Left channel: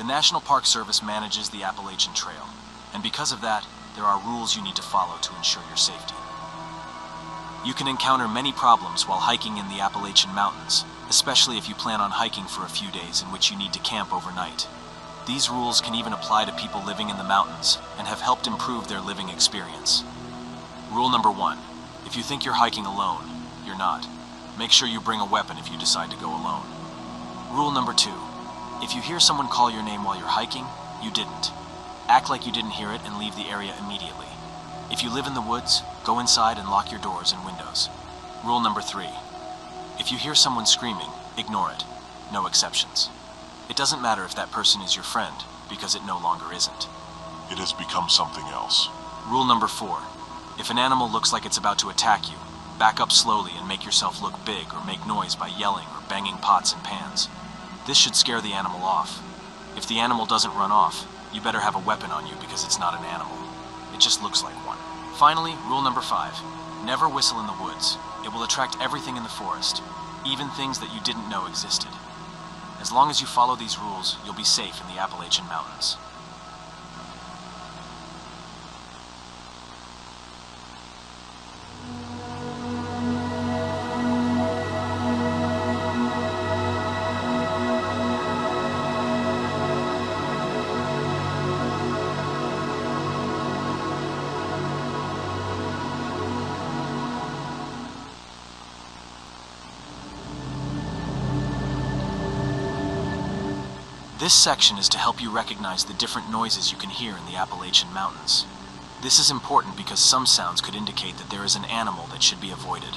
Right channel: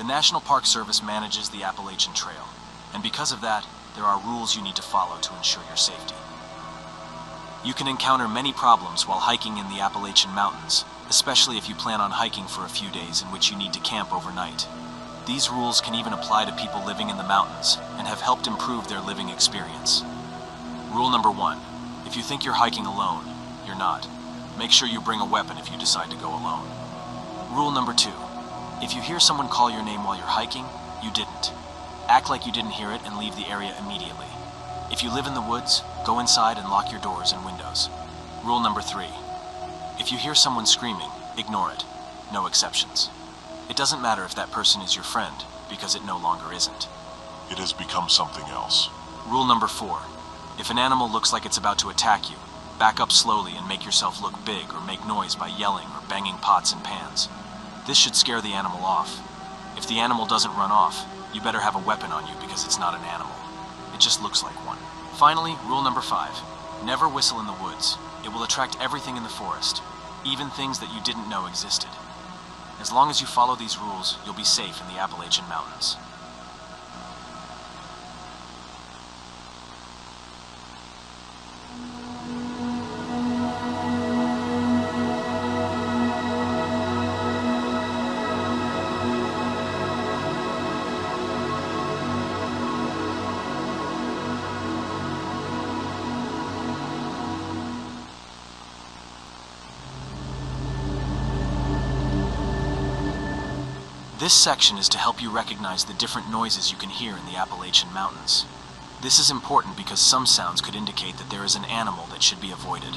The National Park Service manages the Appalachian Trail, and because of that, there are rules you need to follow to ensure your safety. You can encounter many problems while hiking in the Appalachian Mountains, especially if you plan on hiking for a few days in which you need to camp overnight. These rules can even apply to people living in the mountains and have helped improve their living experience. Rule number 1. If you think you're hiking alone, you're not. Make sure you bring a weapon if you decide to go alone. Rule number 2. If you hear someone call your name while you're hiking, you didn't. Act like you didn't hear it and leave the area immediately. If you live in the woods, go inside and lock your doors and windows. Rule number 3. If you hear someone screaming, ignore it. No exceptions. It doesn't matter if that person is your friend, because it no longer isn't. It has become something else. Rule number 4. If an animal looks like it's about to attack you, back up slowly and make yourself look big or make noise by yelling or banging pots and pans. This should scare the animal off. If the animal doesn't run off, you better have a weapon on you because it's not an animal. It just looks like one. Finally, rule number 5. Never whistle in the woods. It will attract everything in the forest, even things that you didn't know existed. As long as you follow these rules, you'll be safe in the Appalachian Mountains. This section is to help you recognize the different noises you can hear in the Appalachian Mountains. This is important because some sounds could indicate that there is an animal that should be avoided.